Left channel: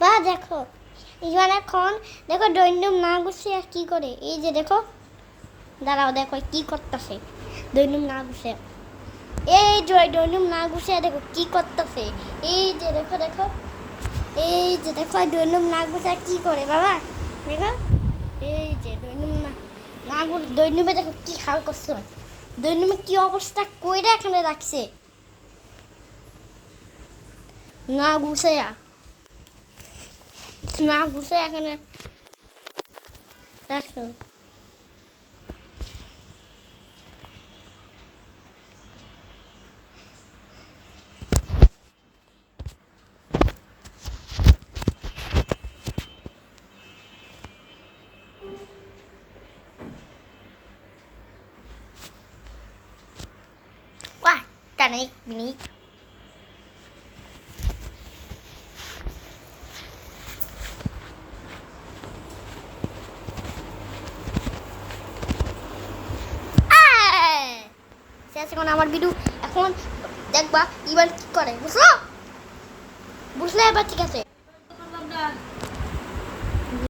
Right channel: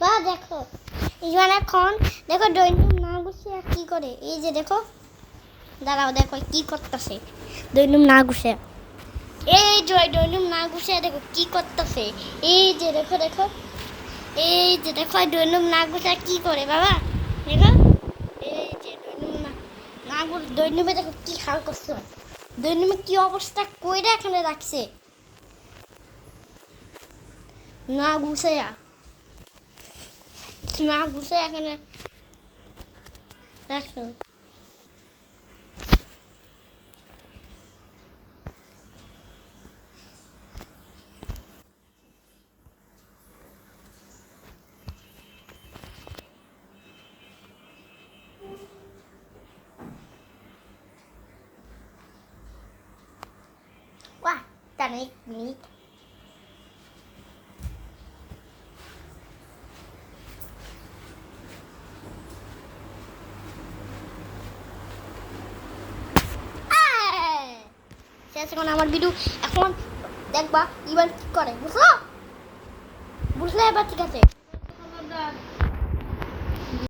বা দেখো ইভান এখন দেখো দৈনিক না গুছিয়ে কি করে, এই যে দেখো, দাঁড়াও দেখো কি করতেছে দৈনিক না গুছিয়ে, এই যে দৈনিক না গুছিয়ে দেখো কি করতেছে, এই যে দেখো দেখো, এই যে দেখো দৈনিক না গুছিয়ে কি করে বাবা, দেখো এই যে দৈনিক না দৈনিক দেখো কি হাল করছে, দৈনিক কি অবস্থা কইরা এখানে রাখছে না গুছিয়ে, না গুছিয়ে এখানে রাখছো। Wah, tarik ini. শেষ এখন আমার ভিডিও এখন দেখবা এবার কি করে, বুঝলো বুঝলে এবার ঠিক আছে।